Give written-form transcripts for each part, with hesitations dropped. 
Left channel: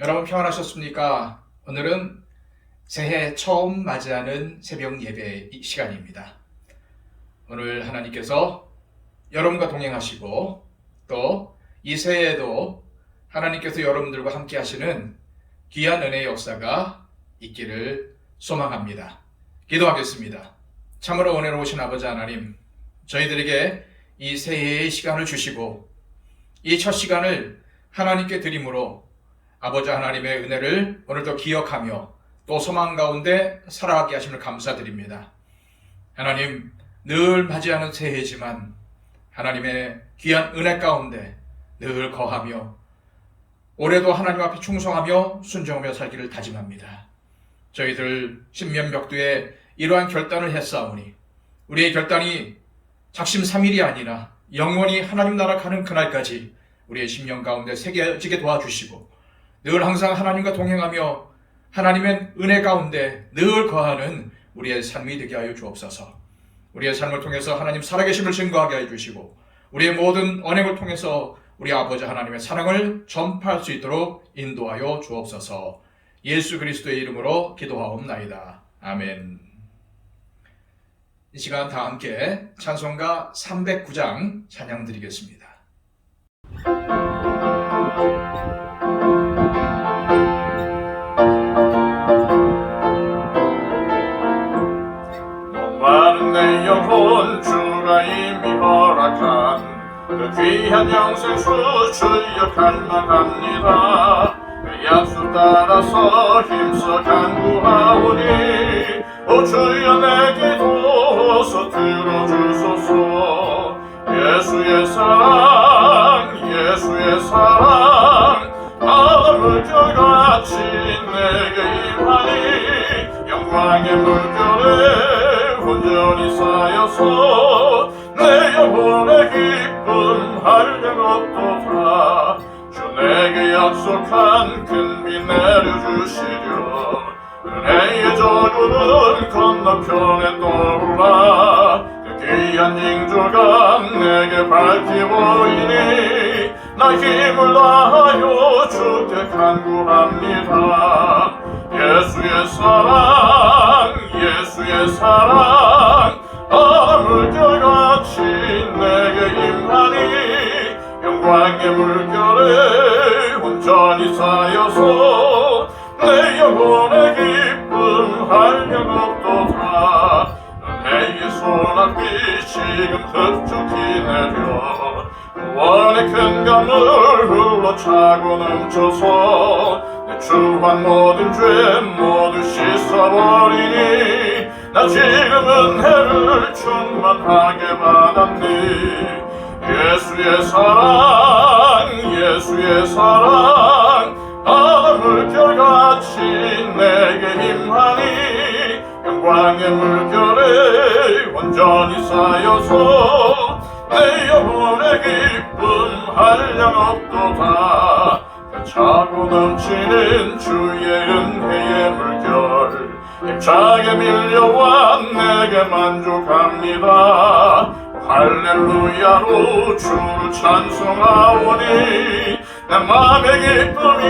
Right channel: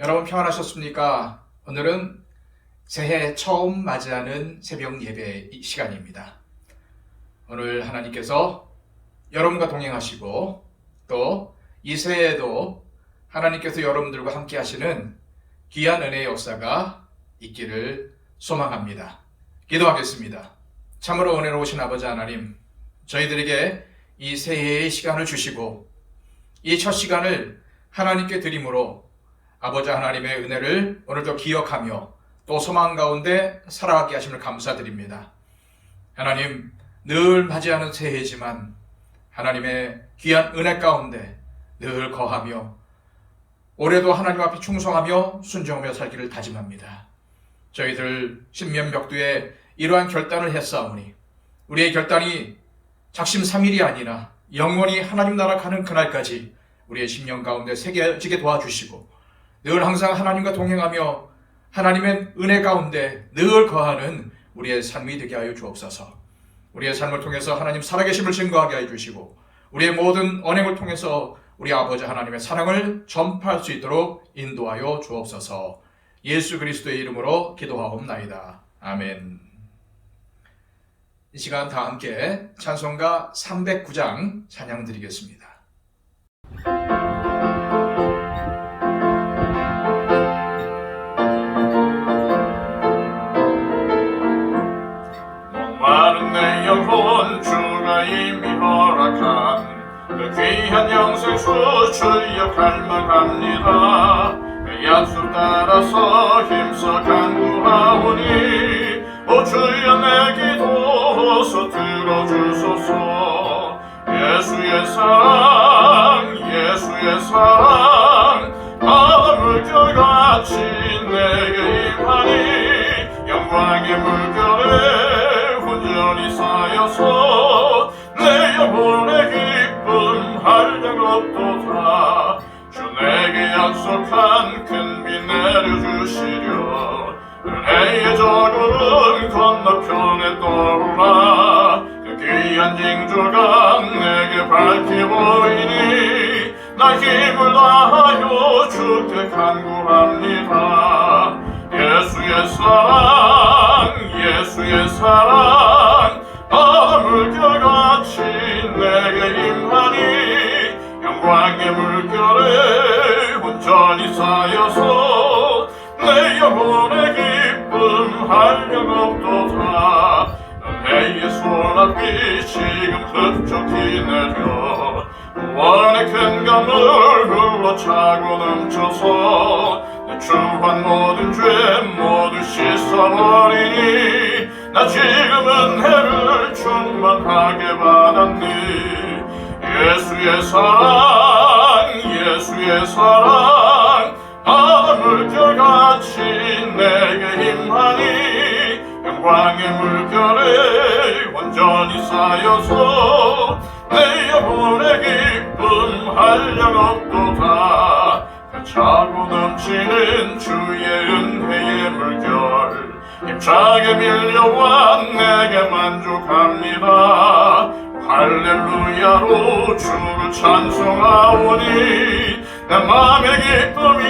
여러분 평안하셨습니까? 오늘은 새해 처음 맞이하는 새벽 예배 시간입니다. 오늘 하나님께서 여러분과 동행하시고 또 이 새해에도 하나님께서 여러분들과 함께 하시는 귀한 은혜의 역사가 있기를 소망합니다. 기도하겠습니다. 참으로 은혜로우신 아버지 하나님, 저희들에게 이 새해의 시간을 주시고 이 첫 시간을 하나님께 드림으로 아버지 하나님의 은혜를 오늘도 기억하며 또 소망 가운데 살아가게 하심을 감사드립니다. 하나님, 늘 맞이하는 새해지만 하나님의 귀한 은혜 가운데 늘 거하며 올해도 하나님 앞에 충성하며 순종하며 살기를 다짐합니다. 저희들 신면벽두에 이러한 결단을 했사오니 우리의 결단이 작심삼일이 아니라 영원히 하나님 나라 가는 그날까지 우리의 심령 가운데 새겨지게 도와주시고 늘 항상 하나님과 동행하며 하나님의 은혜 가운데 늘 거하는 우리의 삶이 되게 하여 주옵소서. 우리의 삶을 통해서 하나님 살아계심을 증거하게 해주시고 우리의 모든 언행을 통해서 우리 아버지 하나님의 사랑을 전파할 수 있도록 인도하여 주옵소서. 예수 그리스도의 이름으로 기도하옵나이다. 아멘. 이 시간 다 함께 찬송가 309장 찬양 드리겠습니다. 귀한 영생수 주여 갈망합니다. 그 약속 따라서 힘써 간구하오니 오 주여 내게도 들어주소서. 예수의 사랑 예수의 사랑 바다 물결같이 내게 임하니 영광의 물결에 온전히 쌓여서 내 영혼의 기쁨 한량 없도다. 주 내게 약속한 큰 비 내려주시려. 은혜의 저물은 건너편에 떠올라 그 귀한 징조가 내게 밝히 보이니 나 힘을 다하여 주께 간구합니다. 예수의 사랑 예수의 사랑 바다 물결같이 내게 임하니 영광의 물결에 온전히 쌓여서 내 영혼의 기쁨 한량 없도다. 은혜의 소낙비 지금 흡족히 내려 원의 큰 강물 흘러차고 넘쳐서 내 주한 모든 죄 모두 씻어버리니 나 지금 은혜를 충만하게 받았니. 예수의 사랑 예수의 사랑 바다 물결같이 내게 임하니 영광의 물결에 온전히 쌓여서 내 영혼의 기쁨 한량 없도다. 차고 넘치는 주의 은혜의 물결 힘차게 밀려와 내게 만족합니다. 할렐루야로 주를 찬송하오니 내 맘의 기쁨이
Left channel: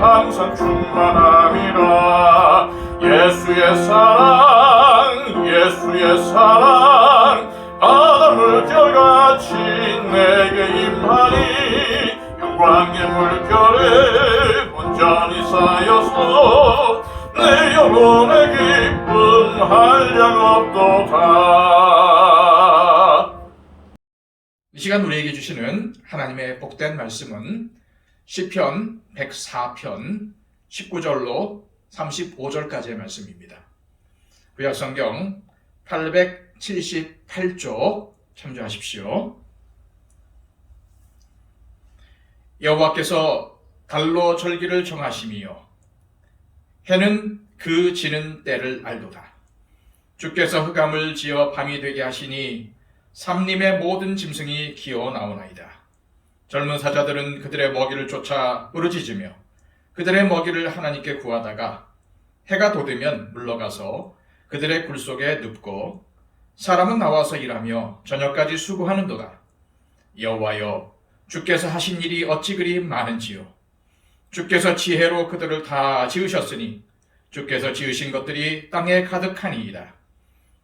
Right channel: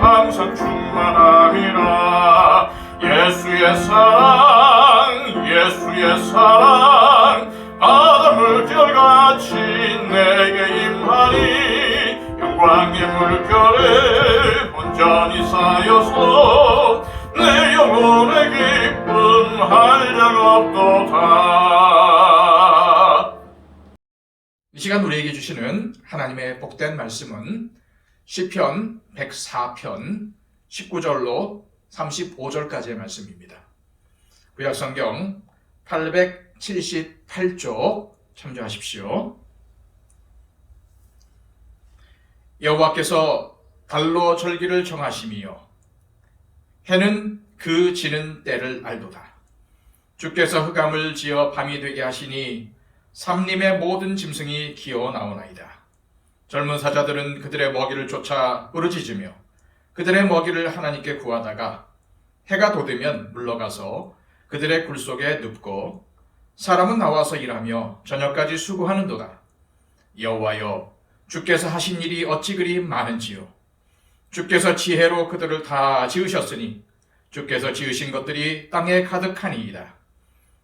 항상 충만함이라. 예수의 사랑 예수의 사랑 바다 물결같이 내게 임하니 영광의 물결에 온전히 쌓여서 내 영혼의 기쁨 한량 없도다. 이 시간 우리에게 주시는 하나님의 복된 말씀은 시편 104편 19절로 35절까지의 말씀입니다. 구약성경 878쪽 참조하십시오. 여호와께서 달로 절기를 정하심이요 해는 그 지는 때를 알도다. 주께서 흑암을 지어 밤이 되게 하시니 삼림의 모든 짐승이 기어 나오나이다. 젊은 사자들은 그들의 먹이를 쫓아 부르짖으며 그들의 먹이를 하나님께 구하다가 해가 돋으면 물러가서 그들의 굴 속에 눕고 사람은 나와서 일하며 저녁까지 수고하는도다. 여호와여, 주께서 하신 일이 어찌 그리 많은지요. 주께서 지혜로 그들을 다 지으셨으니 주께서 지으신 것들이 땅에 가득하니이다.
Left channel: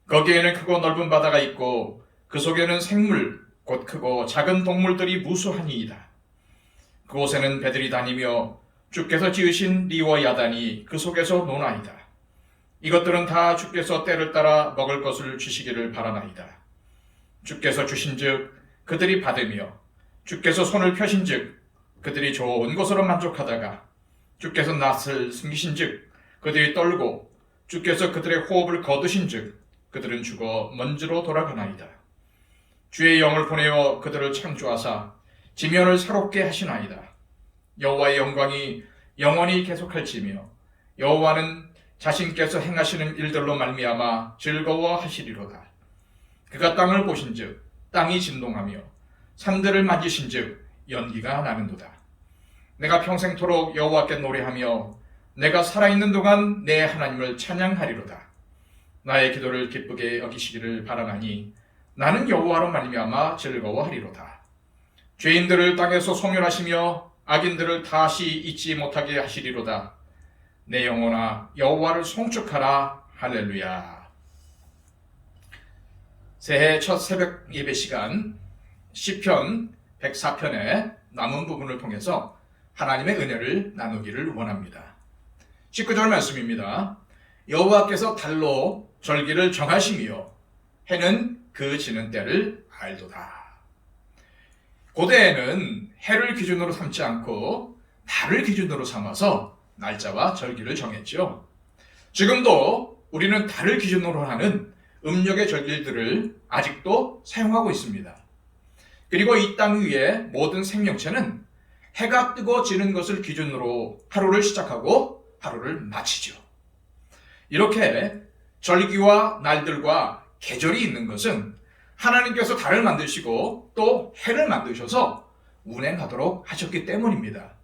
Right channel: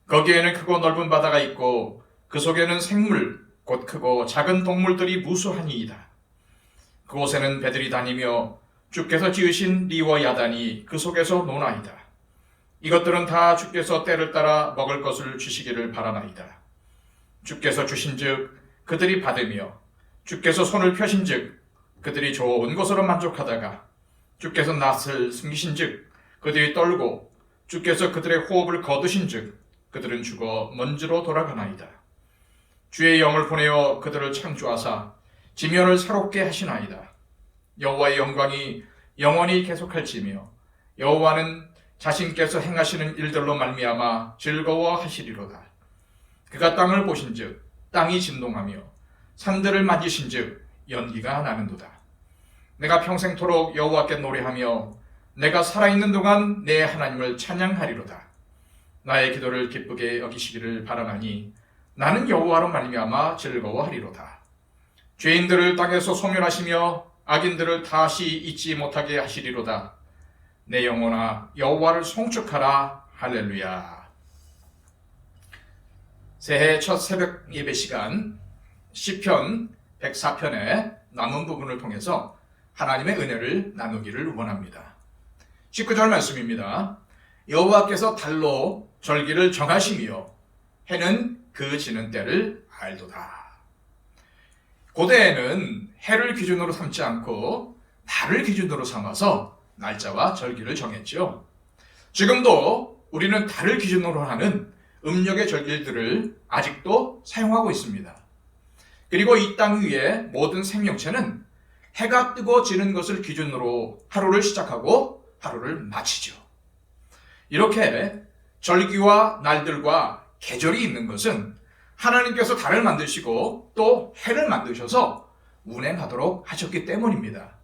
거기에는 크고 넓은 바다가 있고 그 속에는 생물 곧 크고 작은 동물들이 무수하니이다. 그곳에는 배들이 다니며 주께서 지으신 리와 야단이 그 속에서 노나이다. 이것들은 다 주께서 때를 따라 먹을 것을 주시기를 바라나이다. 주께서 주신즉 그들이 받으며 주께서 손을 펴신즉 그들이 좋은 것으로 만족하다가 주께서 낯을 숨기신즉 그들이 떨고 주께서 그들의 호흡을 거두신즉 그들은 죽어 먼지로 돌아가나이다. 주의 영을 보내어 그들을 창조하사 지면을 새롭게 하시나이다. 여호와의 영광이 영원히 계속할지며 여호와는 자신께서 행하시는 일들로 말미암아 즐거워하시리로다. 그가 땅을 보신즉 땅이 진동하며 산들을 만지신즉 연기가 나는도다. 내가 평생토록 여호와께 노래하며 내가 살아있는 동안 내 하나님을 찬양하리로다. 나의 기도를 기쁘게 여기시기를 바라나니 나는 여호와로 말미암아 즐거워하리로다. 죄인들을 땅에서 소멸하시며 악인들을 다시 잊지 못하게 하시리로다. 내 영혼아 여호와를 송축하라. 할렐루야. 새해 첫 새벽 예배 시간 시편 104편의 남은 부분을 통해서 하나님의 은혜를 나누기를 원합니다. 19절 말씀입니다. 여호와께서 달로 절기를 정하시며 해는 그 지는 때를 알도다. 고대에는 해를 기준으로 삼지 않고 달을 기준으로 삼아서 날짜와 절기를 정했죠. 지금도 우리는 달을 기준으로 하는 음력의 절기들을 아직도 사용하고 있습니다. 그리고 이 땅 위에 모든 생명체는 해가 뜨고 지는 것을 기준으로 하루를 시작하고 하루를 마치죠. 이렇게 절기와 날들과 계절이 있는 것은 하나님께서 달을 만드시고 또 해를 만드셔서 운행하도록 하셨기 때문입니다.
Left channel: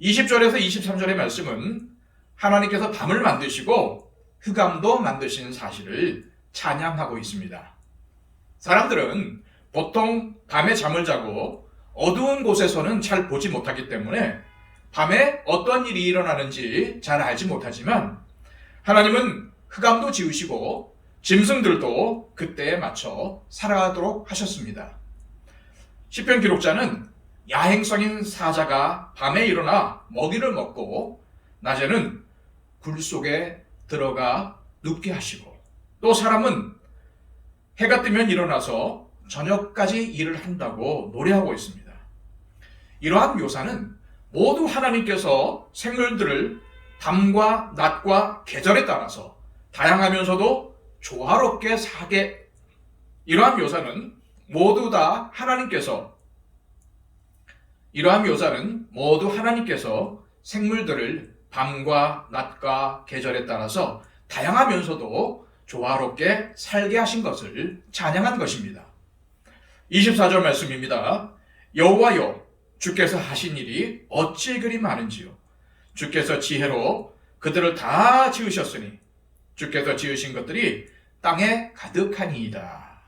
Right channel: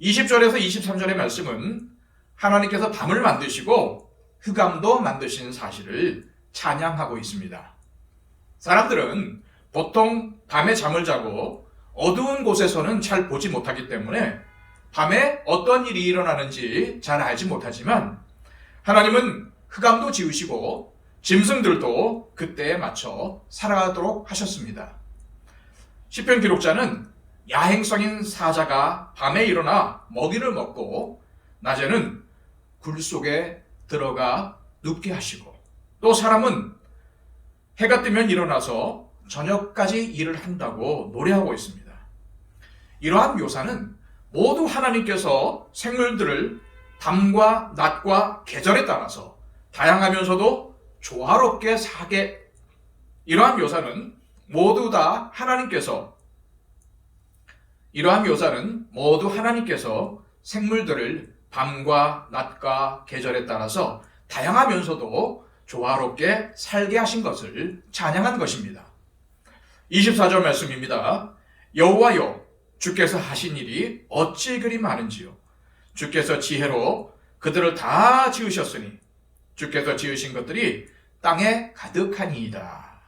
20절에서 23절의 말씀은 하나님께서 밤을 만드시고 흑암도 만드신 사실을 찬양하고 있습니다. 사람들은 보통 밤에 잠을 자고 어두운 곳에서는 잘 보지 못하기 때문에 밤에 어떤 일이 일어나는지 잘 알지 못하지만 하나님은 흑암도 지으시고 짐승들도 그때에 맞춰 살아가도록 하셨습니다. 시편 기록자는 야행성인 사자가 밤에 일어나 먹이를 먹고 낮에는 굴 속에 들어가 눕게 하시고 또 사람은 해가 뜨면 일어나서 저녁까지 일을 한다고 노래하고 있습니다. 이러한 묘사는 모두 하나님께서 생물들을 밤과 낮과 계절에 따라서 다양하면서도 조화롭게 사게, 이러한 묘사는 모두 하나님께서 생물들을 밤과 낮과 계절에 따라서 다양하면서도 조화롭게 살게 하신 것을 찬양한 것입니다. 24절 말씀입니다. 여호와여 주께서 하신 일이 어찌 그리 많은지요. 주께서 지혜로 그들을 다 지으셨으니 주께서 지으신 것들이 땅에 가득하니이다.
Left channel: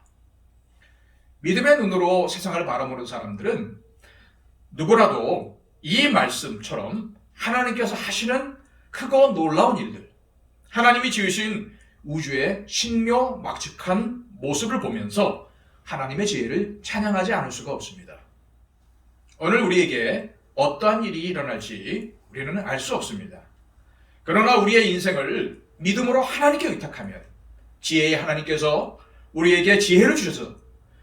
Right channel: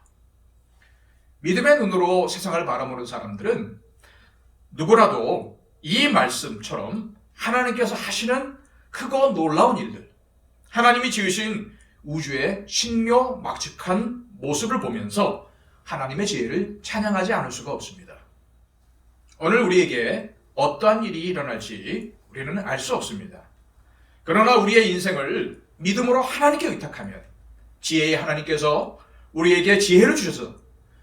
믿음의 눈으로 세상을 바라보는 사람들은 누구라도 이 말씀처럼 하나님께서 하시는 크고 놀라운 일들, 하나님이 지으신 우주의 신묘막측한 모습을 보면서 하나님의 지혜를 찬양하지 않을 수가 없습니다. 오늘 우리에게 어떠한 일이 일어날지 우리는 알 수 없습니다. 그러나 우리의 인생을 믿음으로 하나님께 의탁하면 지혜의 하나님께서 우리에게 지혜를 주셔서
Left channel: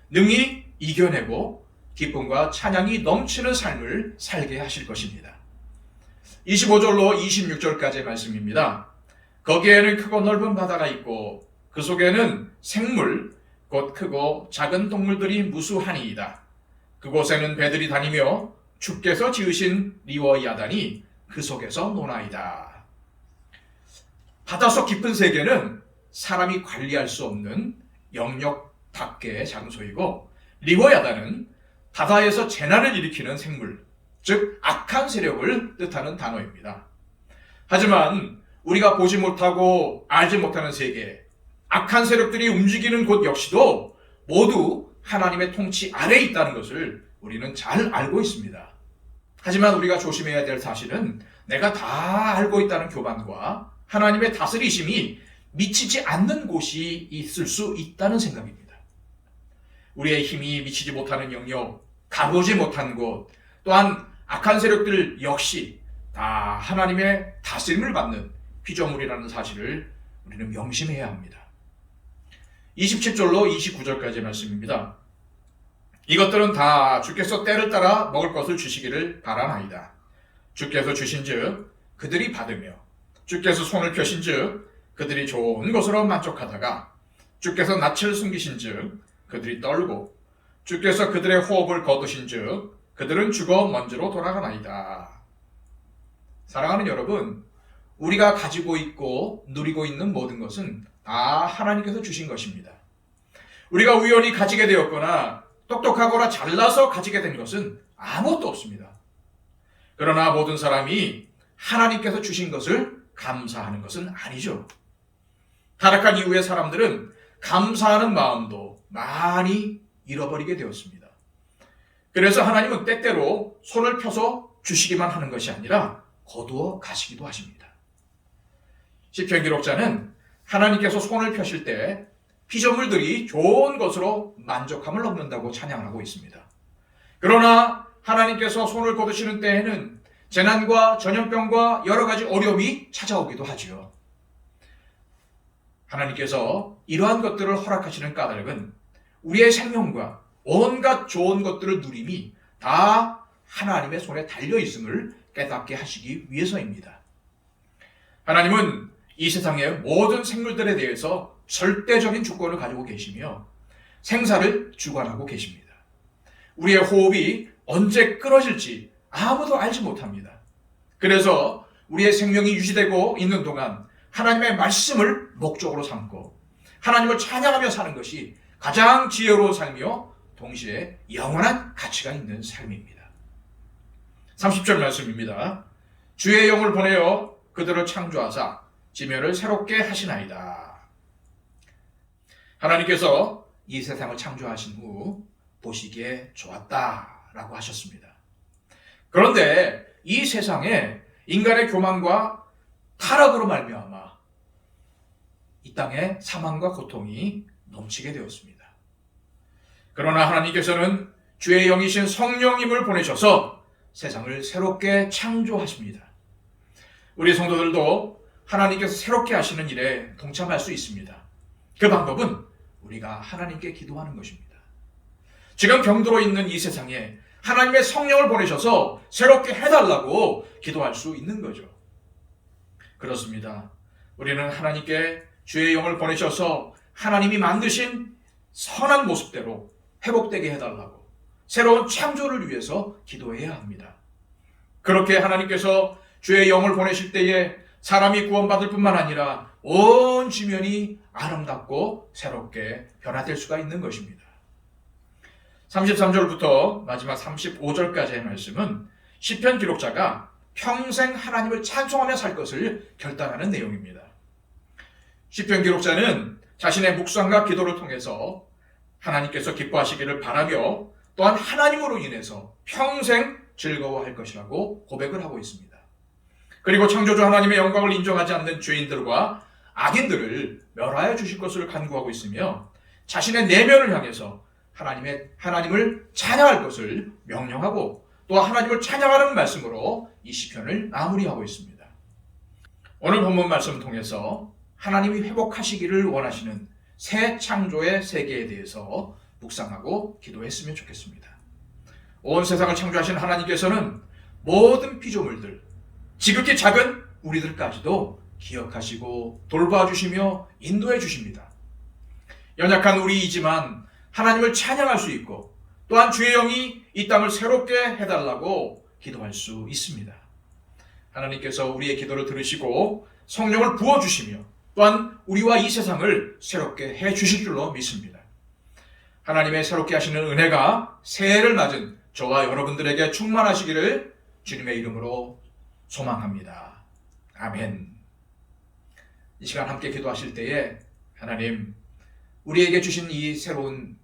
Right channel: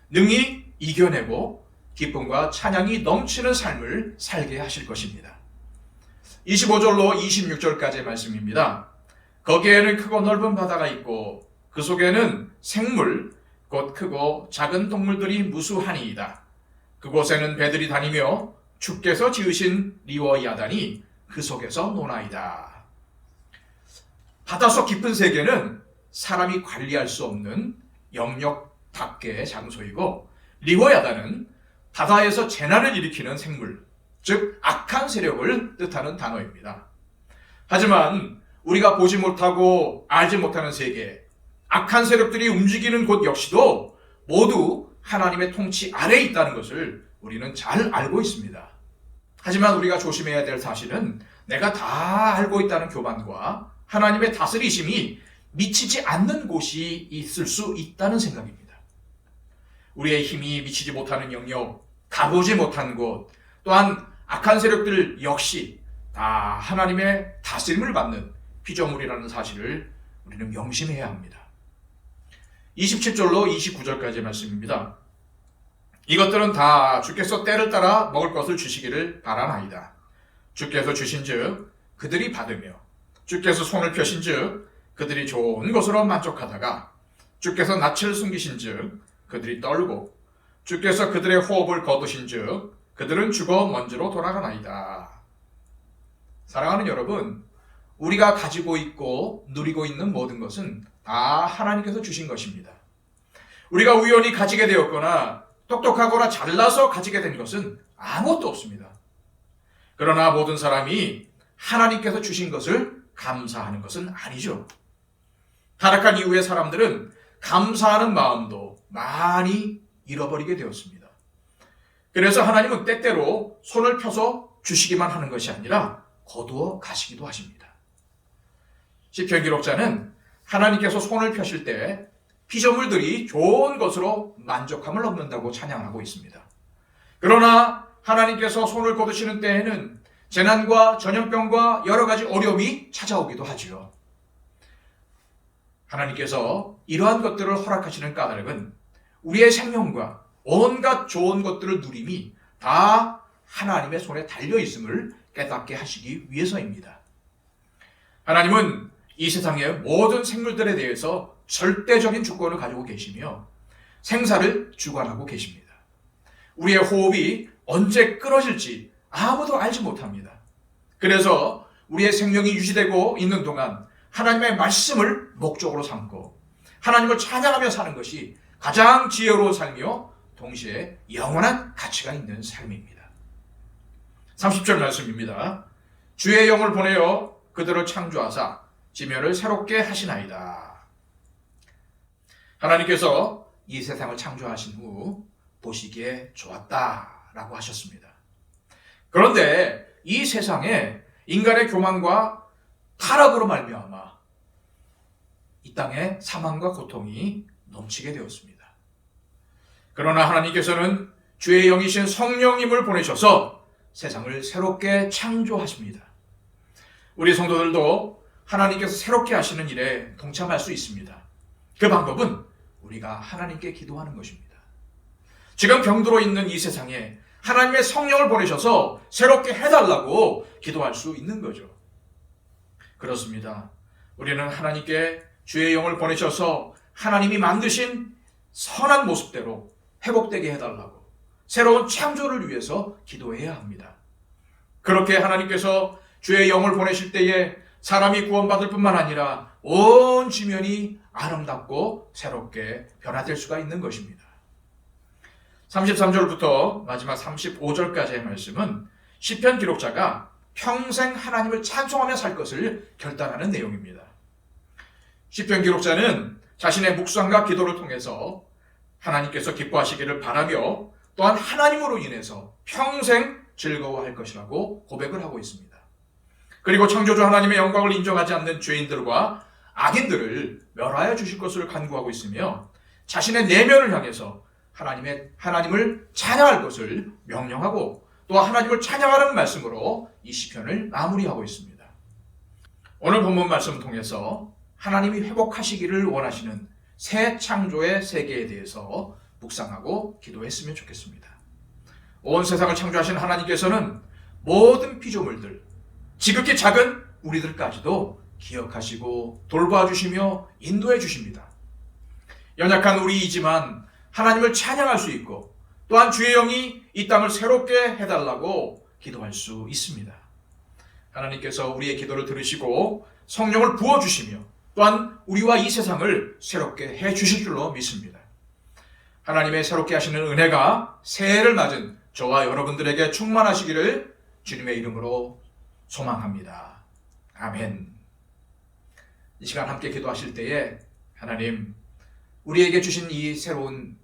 능히 이겨내고 기쁨과 찬양이 넘치는 삶을 살게 하실 것입니다. 25절로 26절까지의 말씀입니다. 거기에는 크고 넓은 바다가 있고 그 속에는 생물 곧 크고 작은 동물들이 무수하니이다. 그곳에는 배들이 다니며 주께서 지으신 리와 야단이 그 속에서 노나이다. 바닷속 깊은 세계는 사람이 관리할 수 없는 영역 밖의 장소이고 리와 야단은 바다에서 재난을 일으키는 생물, 즉 악한 세력을 뜻하는 단어입니다. 하지만 우리가 보지 못하고 알지 못하는 세계, 악한 세력들이 움직이는 곳 역시도 모두 하나님의 통치 아래에 있다는 것을 우리는 잘 알고 있습니다. 하지만 우리가 조심해야 될 사실은 내가 다 알고 있다는 교만과 하나님의 다스리심이 미치지 않는 곳이 있을 수 있다는 생각입니다. 우리의 힘이 미치지 못하는 영역, 가보지 못한 곳, 또한 악한 세력들 역시 다 하나님의 다스림을 받는 피조물이라는 사실을 우리는 명심해야 합니다. 27절로 29절까지의 말씀입니다. 이것들은 다 주께서 때를 따라 먹을 것을 주시기를 바라나이다. 주께서 주신즉 그들이 받으며 주께서 손을 펴신즉 그들이 좋은 것으로 만족하다가 주께서 낯을 숨기신즉 그들이 떨고 주께서 그들의 호흡을 거두신즉 그들은 죽어 먼지로 돌아가나이다. 사랑하는 여러분, 우리가 가지고 있고 누리고 있는 모든 것은 다 하나님께서 주신 것입니다. 우리가 우연히 가지게 되었거나 똑똑하거나 잘나서 가지게 된 것은 아무것도 없습니다. 그러나 모든 사람이 하나님께서 주신 것을 감사하는 것은 아니죠. 타락한 이후의 사람들은 감사하는 마음도 많이 잃어버리게 되었습니다. 그래서 하나님은 때때로 손을 펴서 주시기만 하는 것이 아니라 거두어 가시기도 하십니다. 시편 기록자는 하나님께서 손을 펴실 때 피조물들이 좋은 것으로 만족함을 얻는다고 찬양하고 있습니다. 그러나 하나님께서 손을 거두시는 때에는 재난과 전염병과 여러 가지 어려움이 찾아오기도 하지요. 하나님께서 이러한 것들을 허락하시는 까닭은 우리의 생명과 온갖 좋은 것들을 누림이 다 하나님의 손에 달려있음을 깨닫게 하시기 위해서입니다. 하나님은 이 세상의 모든 생물들에 대해서 절대적인 주권을 가지고 계시며 생사를 주관하고 계십니다. 우리의 호흡이 언제 끊어질지 아무도 알지 못합니다. 그래서 우리의 생명이 유지되고 있는 동안 하나님의 말씀을 목적으로 삼고 하나님을 찬양하며 사는 것이 가장 지혜로운 삶이요 동시에 영원한 가치가 있는 삶입니다. 30절 말씀입니다. 주의 영을 보내어 그들을 창조하사 지면을 새롭게 하시나이다. 하나님께서 이 세상을 창조하신 후 보시기에 좋았다라고 하셨습니다. 그런데 이 세상에 인간의 교만과 타락으로 말미암아 이 땅에 사망과 고통이 넘치게 되었습니다. 그러나 하나님께서는 주의 영이신 성령님을 보내셔서 세상을 새롭게 창조하십니다. 우리 성도들도 하나님께서 새롭게 하시는 일에 동참할 수 있습니다. 그 방법은 우리가 하나님께 기도하는 것입니다. 지금 병들어 있는 이 세상에 하나님의 성령을 보내셔서 새롭게 해달라고 기도할 수 있는 거죠. 그렇습니다. 우리는 하나님께 주의 영을 보내셔서 하나님이 만드신 선한 모습대로 회복되게 해달라고 새로운 창조를 위해서 기도해야 합니다. 그렇게 하나님께서 주의 영을 보내실 때에 사람이 구원받을 뿐만 아니라 온 지면이 아름답고 새롭게 변화될 수가 있는 것입니다. 33절부터 마지막 35절까지의 말씀은 시편 기록자가 평생 하나님을 찬송하며 살 것을 결단하는 내용입니다. 시편 기록자는 자신의 묵상과 기도를 통해서 하나님께서 기뻐하시기를 바라며 또한 하나님으로 인해서 평생 즐거워할 것이라고 고백을 하고 있습니다. 그리고 창조주 하나님의 영광을 인정하지 않는 죄인들과 악인들을 멸하여 주실 것을 간구하고 있으며 자신의 내면을 향해서 하나님을 찬양할 것을 명령하고 또 하나님을 찬양하는 말씀으로 이 시편을 마무리하고 있습니다. 오늘 본문 말씀을 통해서 하나님이 회복하시기를 원하시는 새 창조의 세계에 대해서 묵상하고 기도했으면 좋겠습니다. 온 세상을 창조하신 하나님께서는 모든 피조물들, 지극히 작은 우리들까지도 기억하시고 돌봐주시며 인도해 주십니다. 연약한 우리이지만 하나님을 찬양할 수 있고 또한 주의 영이 이 땅을 새롭게 해달라고 기도할 수 있습니다. 하나님께서 우리의 기도를 들으시고 성령을 부어주시며 또한 우리와 이 세상을 새롭게 해주실 줄로 믿습니다. 하나님의 새롭게 하시는 은혜가 새해를 맞은 저와 여러분들에게 충만하시기를 주님의 이름으로 소망합니다. 아멘. 이 시간 함께 기도하실 때에 하나님, 우리에게 주신 이 새로운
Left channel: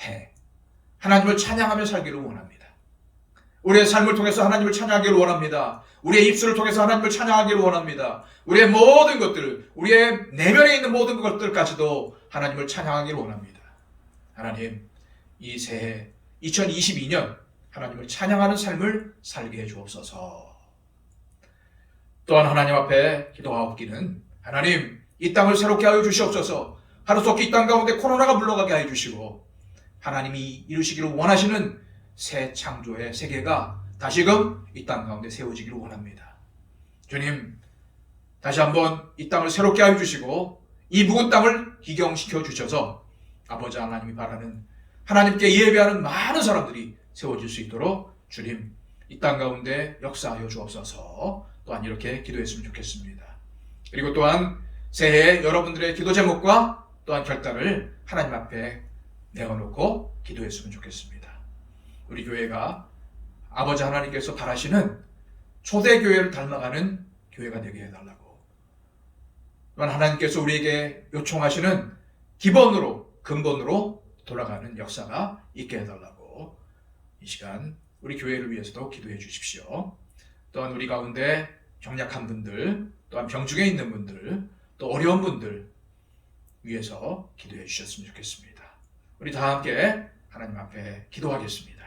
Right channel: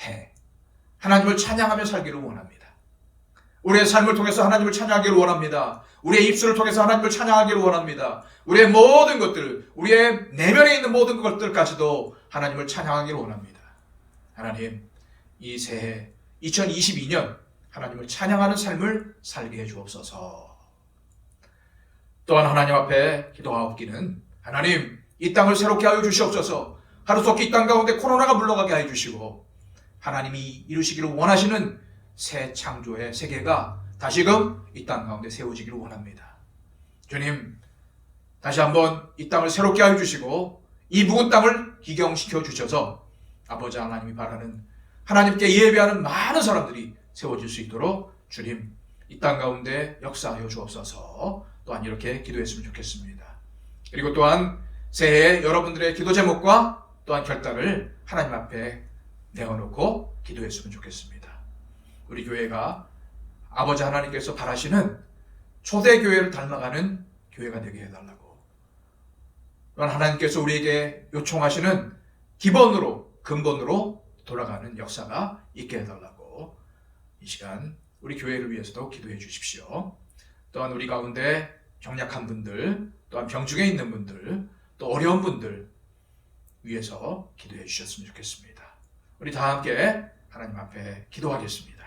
해, 하나님을 찬양하며 살기를 원합니다. 우리의 삶을 통해서 하나님을 찬양하기를 원합니다. 우리의 입술을 통해서 하나님을 찬양하기를 원합니다. 우리의 모든 것들, 우리의 내면에 있는 모든 것들까지도 하나님을 찬양하기를 원합니다. 하나님, 이 새해 2022년 하나님을 찬양하는 삶을 살게 해주옵소서. 또한 하나님 앞에 기도하옵기는 하나님, 이 땅을 새롭게 하여 주시옵소서. 하루속히 이 땅 가운데 코로나가 물러가게 하여 주시고 하나님이 이루시기를 원하시는 새 창조의 세계가 다시금 이 땅 가운데 세워지기를 원합니다. 주님, 다시 한번 이 땅을 새롭게 하여 주시고 이 묵은 땅을 기경시켜 주셔서 아버지 하나님이 바라는 하나님께 예배하는 많은 사람들이 세워질 수 있도록 주님, 이 땅 가운데 역사하여 주옵소서. 또한 이렇게 기도했으면 좋겠습니다. 그리고 또한 새해 여러분들의 기도 제목과 또한 결단을 하나님 앞에 내어놓고 기도했으면 좋겠습니다. 우리 교회가 아버지 하나님께서 바라시는 초대교회를 닮아가는 교회가 되게 해달라고, 또한 하나님께서 우리에게 요청하시는 기본으로, 근본으로 돌아가는 역사가 있게 해달라고 이 시간 우리 교회를 위해서도 기도해 주십시오. 또한 우리 가운데 경약한 분들, 또한 병중에 있는 분들, 또 어려운 분들 위해서 기도해 주셨으면 좋겠습니다. 우리 다 함께 하나님 앞에 기도하겠습니다.